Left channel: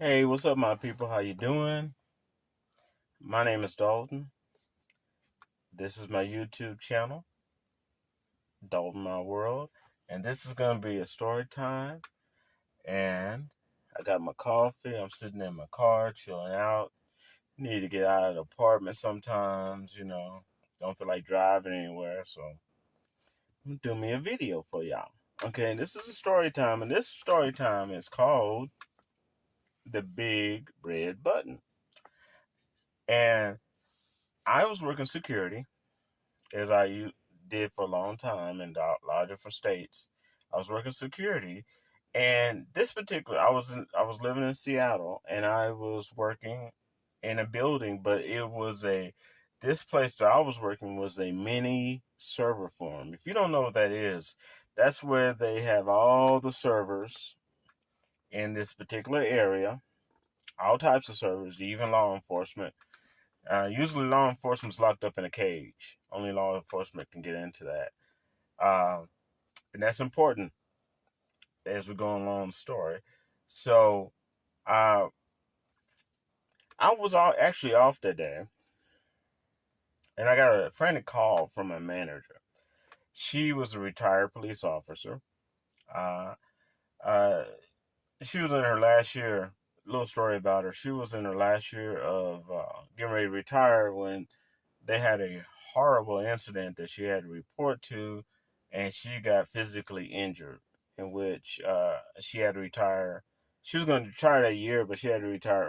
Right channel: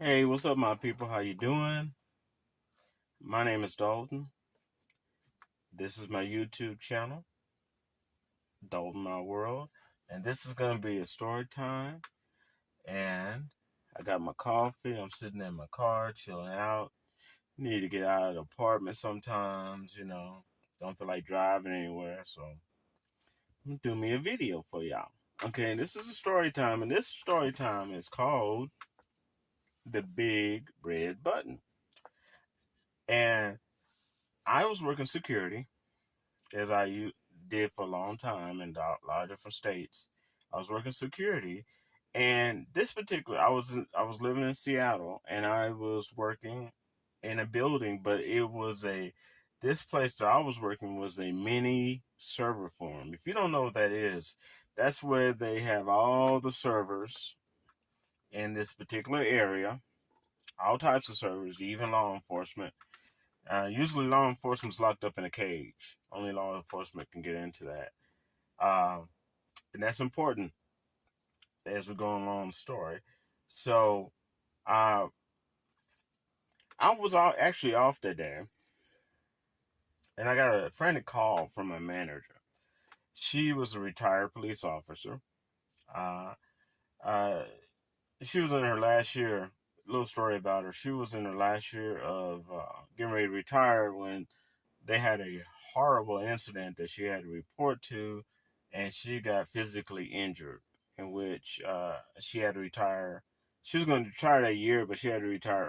Hey, what's up, my people? How you doing? My name is Dalton. This is my YouTube channel, Dalton My World, and this is gonna be a story time. And I got my coffee. I'm sitting in my car, chilling out. Need to get out of the apartment sometimes, Don't feel like driving anywhere, so I'm gonna do me a video for y'all. Okay, this is a story time, and this story time is called The Big Red Button. And I was working security as did for a long time in a lot of different states. I was working security, and this particular, I was living in Seattle, and I was working in a building, but this place that I was working was a mini server farm. If you don't know what that is, that's where they have all the servers in this particular area, all types of servers, even law enforcement. Usually, law enforcement's locked up in a cage. Only law enforcement can get into that, and that's important as we go along the story. So, uh, I was actually off that day, and I got a frantic call from my manager. She was a retired police officer. Uh, uh, she was in her last year. Little story about her. She was in her last year of getting ready to retire when they had a horrible incident that she had to report to, and she got physically injured, in which she had to retire. She was going to retire that year, but she had to retire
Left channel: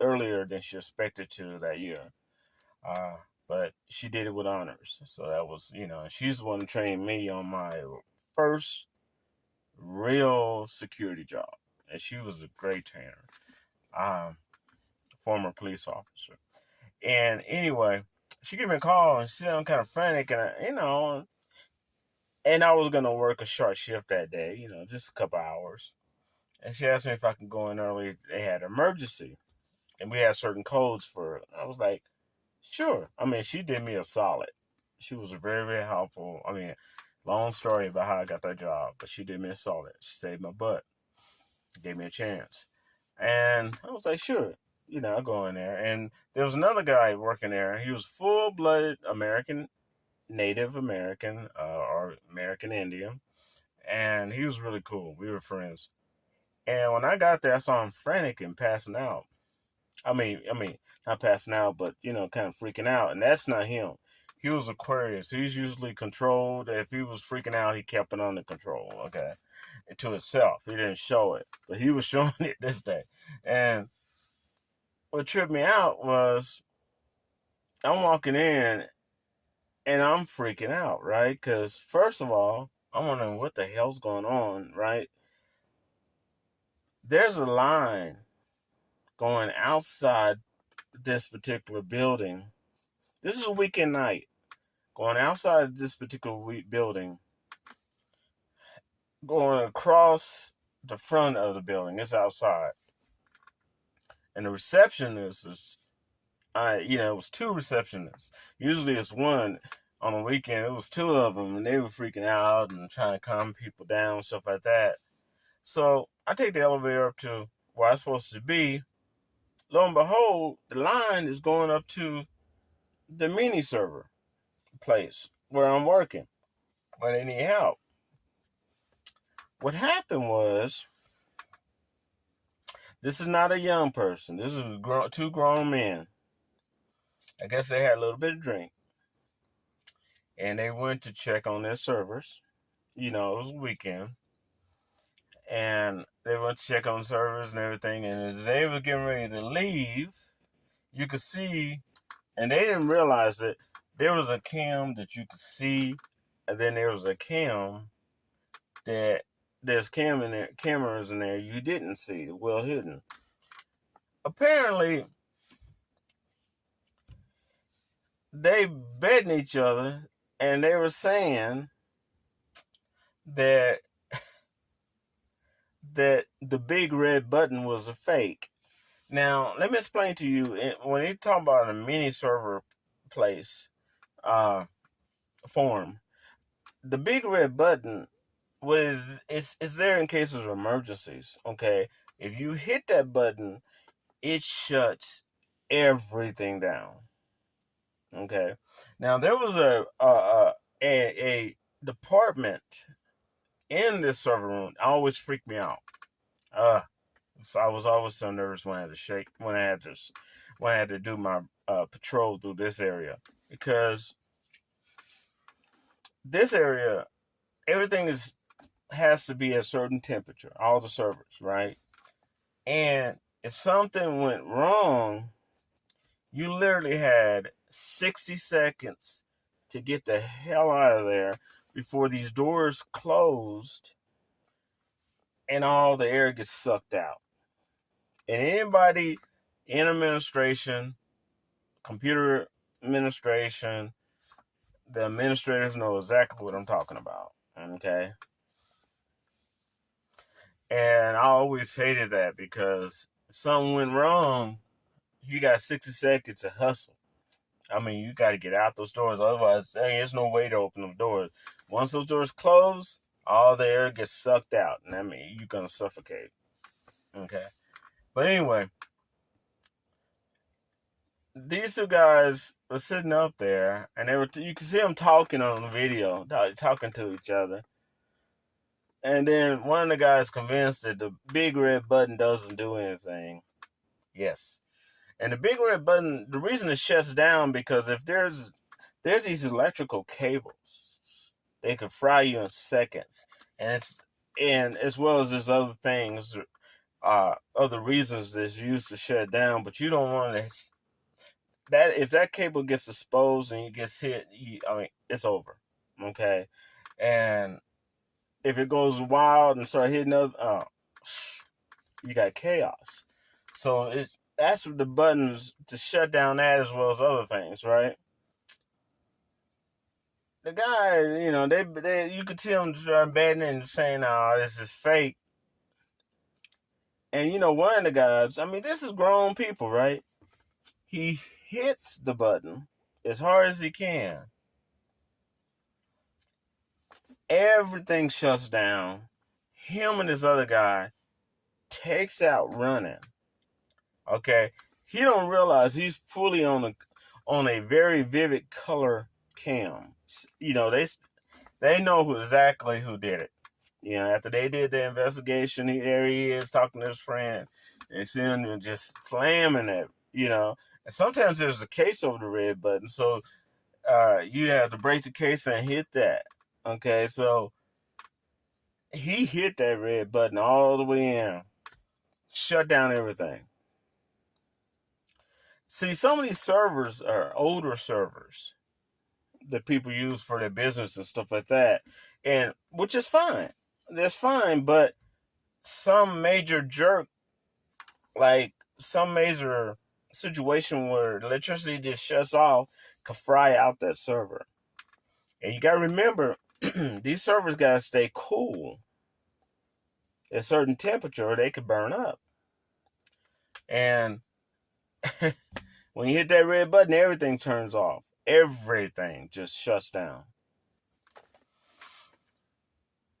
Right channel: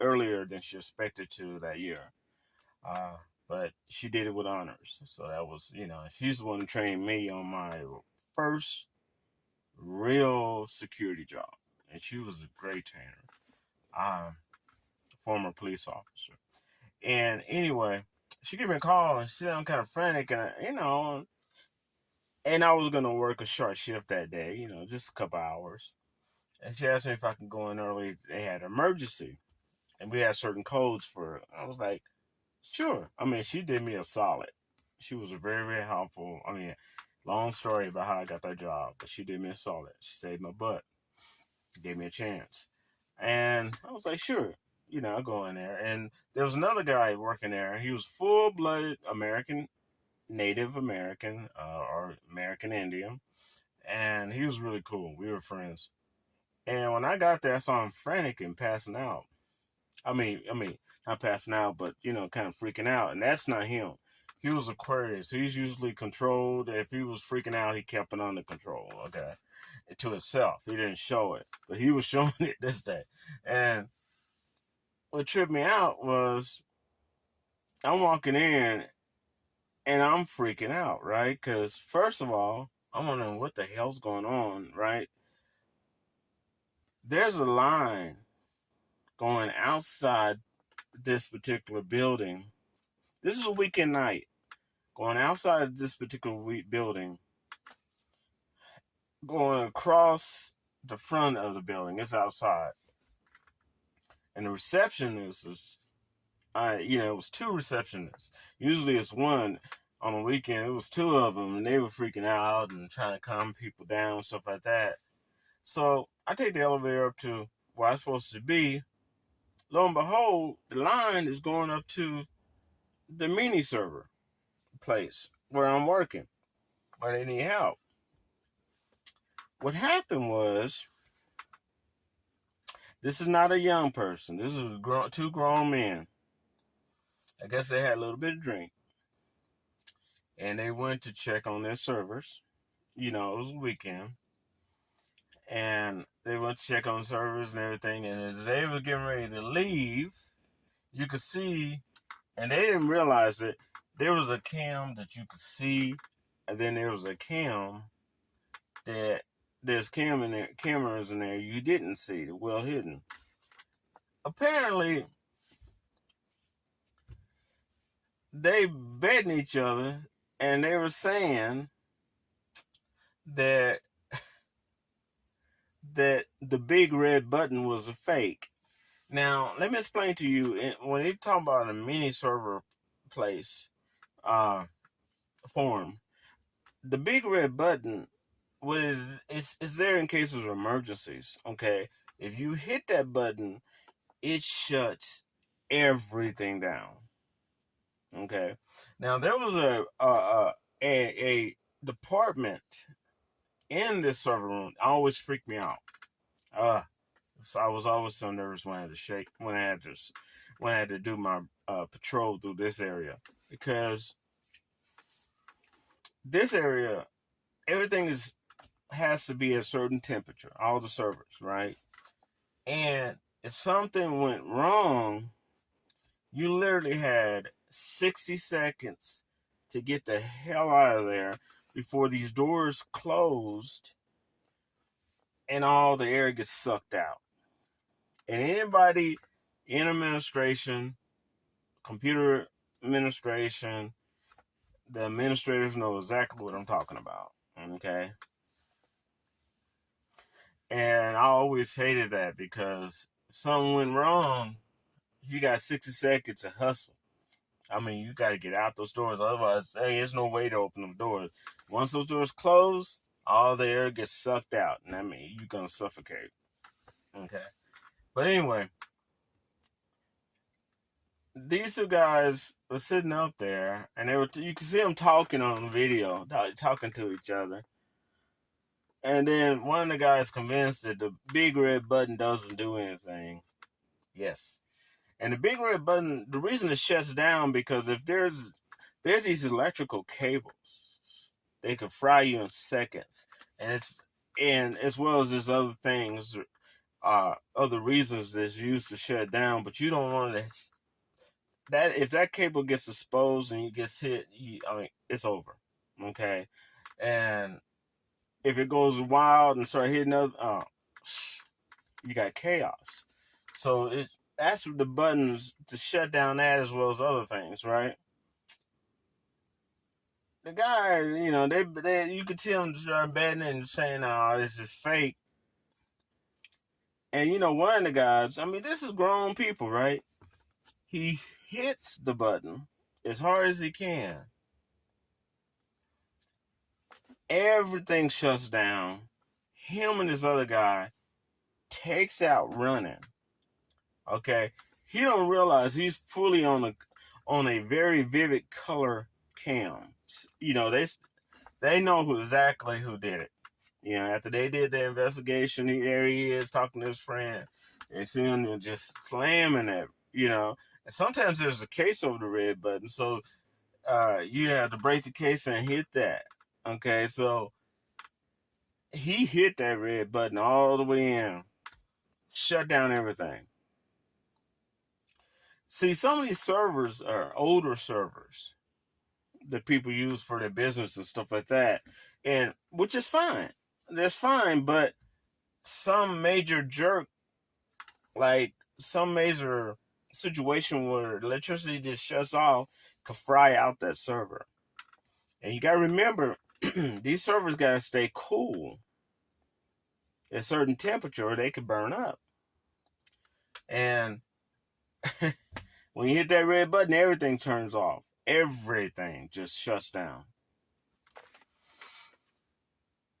earlier than she expected to that year. Uh, but she did it with honors. So that was, she's the one who trained me on my first real security job, and she was a great trainer, former police officer. And anyway, she gave me a call and she said I'm kind of frantic, and I was gonna work a short shift that day, just a couple hours. And she asked me if I could go in early. They had an emergency, and we had certain codes for it. I was like, sure. I mean, she did me a solid. She was very, very helpful. I mean, long story about how I got that job, but she did me a solid. She saved my butt, gave me a chance, and I was like, sure. I'll go in there. And there was another guy working there. He was full-blooded American, Native American, or American Indian, and he was really cool. We were friends. And when I got there, I saw him frantic and passing out. I mean, not passing out, but kind of freaking out. And that's not him. He was Aquarius. He's usually controlled. If he was freaking out, he kept it under control. Okay, to himself. He didn't show it, but he was showing it this day. And what tripped me out was I'm walking in and I'm freaking out, right? Because first of all, I'm wondering what the hell's going on, right? There's a line going outside this particular building. This is a weekend night. Going outside this particular building, going across the front of the building. It's outside. And the receptionist it was two receptionists. Usually it's one. On the weekend, it was two of them, and they were freaking out and trying to calm people down, stuff like that. So I take the elevator up to where I'm supposed to be. Lo and behold, the line is going up to the mini server place where I'm working, where they need help. What happened was, this is not a young person. This is two grown men. I guess they had a little bit of drink. And they went to check on their servers. It was a weekend. And they went to check on servers and everything. And as they were getting ready to leave, you could see, and they didn't realize it, there was a cam that you could see, and then there was a cam that there's cameras in there you didn't see, well hidden. Apparently, they betting each other, and they were saying that the big red button was a fake. Now, let me explain to you. When they talk about a mini server place, form, the big red button is there in cases of emergencies. Okay, If you hit that button, it shuts everything down. Okay. Now there was a department in this server room. Always freaked me out. So I was always so nervous when I had to when I had to do my patrol through this area, because this area, everything has to be a certain temperature. All the servers, right? And if something went wrong, you literally had 60 seconds to get the hell out of there before these doors closed and all the air gets sucked out. And anybody in administration, computer administration, the administrators know exactly what I'm talking about. Okay? And I always hated that, because if something went wrong, you got 60 seconds to hustle. I mean, you got to get out those doors. Otherwise, hey, there's no way to open them doors. Once those doors close, all the air gets sucked out. And I mean, you're going to suffocate. Okay. But anyway, these two guys were sitting up there, and you can see them talking on the video, talking to each other. And then one of the guys convinced that the big red button doesn't do anything. Yes. And the big red button, the reason it shuts down, because if there's these electrical cables, they could fry you in seconds. And as well as there's other things, other reasons that's used to shut down, but you don't want to, that if that cable gets exposed and it gets hit, it's over. Okay. And if it goes wild and start hitting other, you got chaos. So that's the buttons to shut down that as well as other things, right? The guy, they you could tell him start betting and saying, "Oh, this is fake." And one of the guys, I mean, this is grown people, right? He hits the button as hard as he can. Everything shuts down. Him and this other guy takes out running. Okay, he don't realize he's fully on a very vivid color cam. They know exactly who did it. After they did the investigation, there he is talking to his friend, and see him just slamming it. And sometimes there's a case over the red button, so you have to break the case and hit that. Okay, so he hit that red button all the way in, shut down everything. See, some of these servers are older servers that people use for their business and stuff like that, and which is fine. That's fine, but some major jerk, like some major situation where electricity just shuts off, could fry out that server. And you got to remember, these servers got to stay cool at a certain temperature or they could burn up. And when you hit that red button, everything turns off. Everything just shuts down.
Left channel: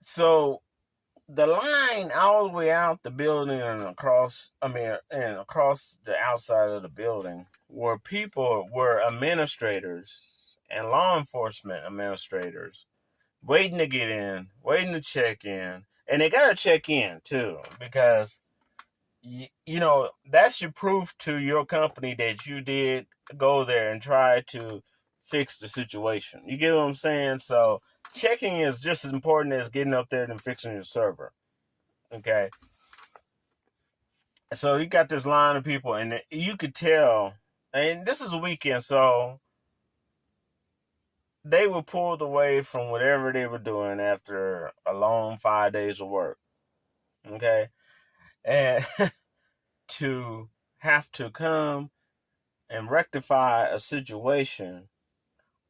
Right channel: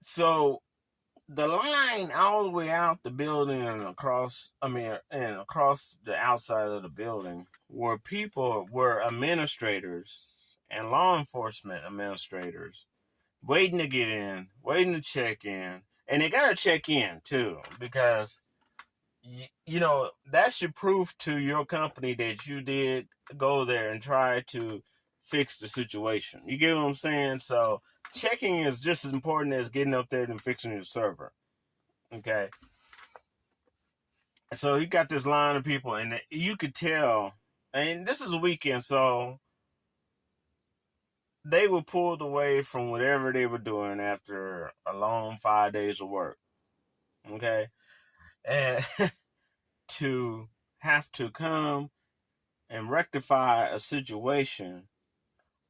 So the line all the way out the building and across the outside of the building were administrators and law enforcement administrators waiting to get in, waiting to check in. And they got to check in too, because that's your proof to your company that you did go there and try to fix the situation. You get what I'm saying? So checking is just as important as getting up there and fixing your server. Okay. So you got this line of people, and you could tell, and this is a weekend, so they were pulled away from whatever they were doing after a long 5 days of work. Okay. And to have to come and rectify a situation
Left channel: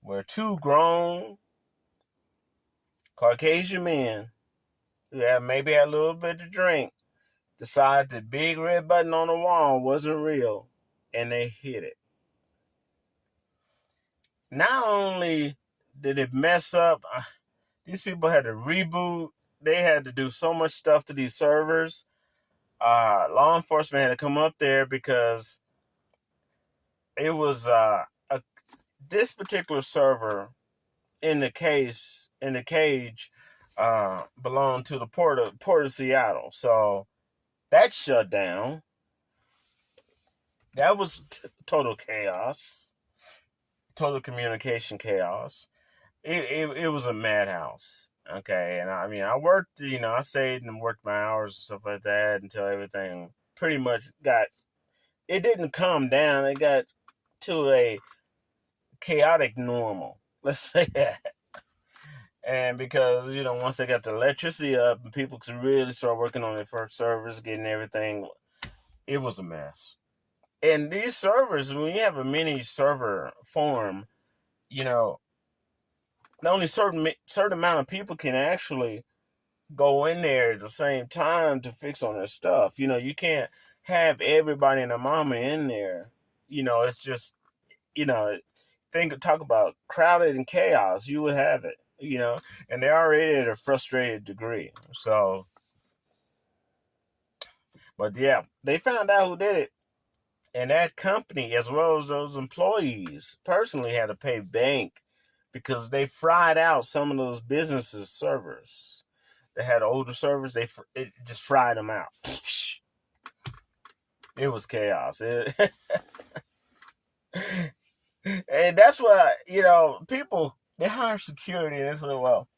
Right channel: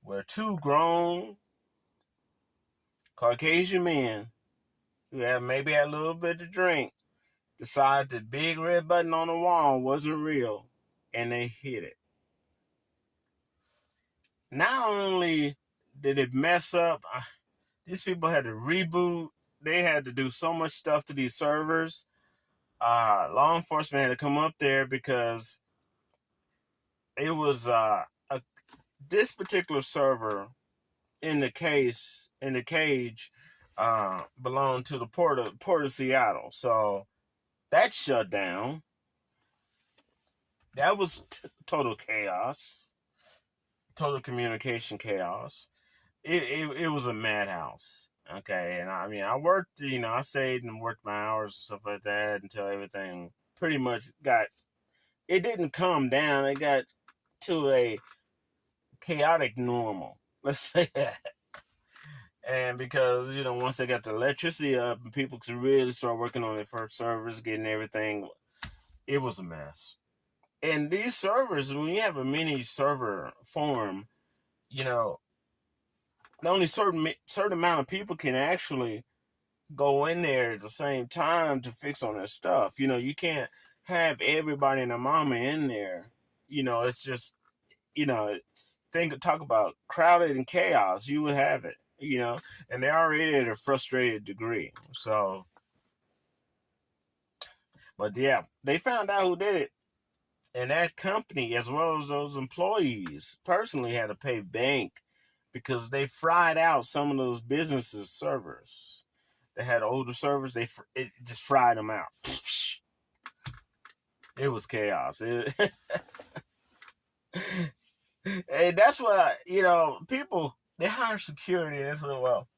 where two grown Caucasian men who maybe had a little bit to drink decided the big red button on the wall wasn't real, and they hit it. Not only did it mess up, these people had to reboot. They had to do so much stuff to these servers. law enforcement had to come up there because it was this particular server in the cage belonged to the port of Seattle. So that shut down. That was total chaos, total communication chaos. It was a madhouse. Okay, and I mean, I worked, I stayed and worked my hours and stuff like that until everything pretty much it didn't calm down. It got to a chaotic normal. Let's say that. And because, once they got the electricity up and people could really start working on their first servers, getting everything, it was a mess. And these servers, when you have a mini server form, only certain amount of people can actually go in there at the same time to fix on their stuff. You can't have everybody and their mama in there. It's just, talk about crowded and chaos, you would have it, and they're already at a frustrated degree. So, but yeah, they found out who did it. And that company, as well as those employees, personally had to pay bank because they fried out some of those businesses' servers. They had older servers, it just fried them out. It was chaos. And that's what, people, they hire security and they say, well,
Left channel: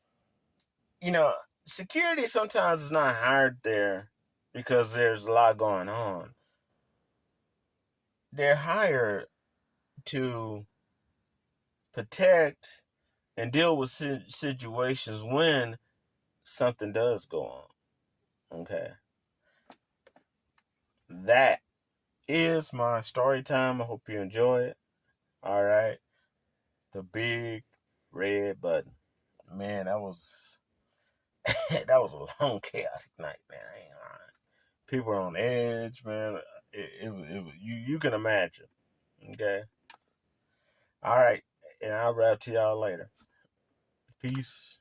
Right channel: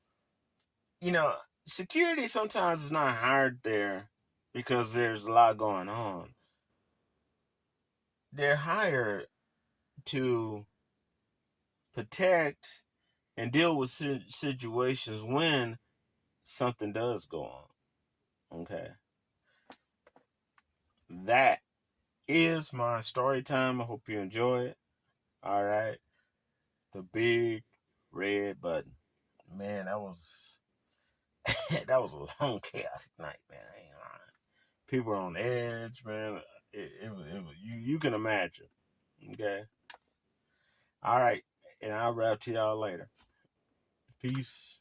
security sometimes is not hired there because there's a lot going on. They're hired to protect and deal with situations when something does go on. Okay. That is my story time. I hope you enjoy it. All right. The big red button. Man, that was that was a long, chaotic night, man. I ain't lying. People were on edge, man. It was you can imagine. Okay. All right. And I'll wrap to y'all later. Peace.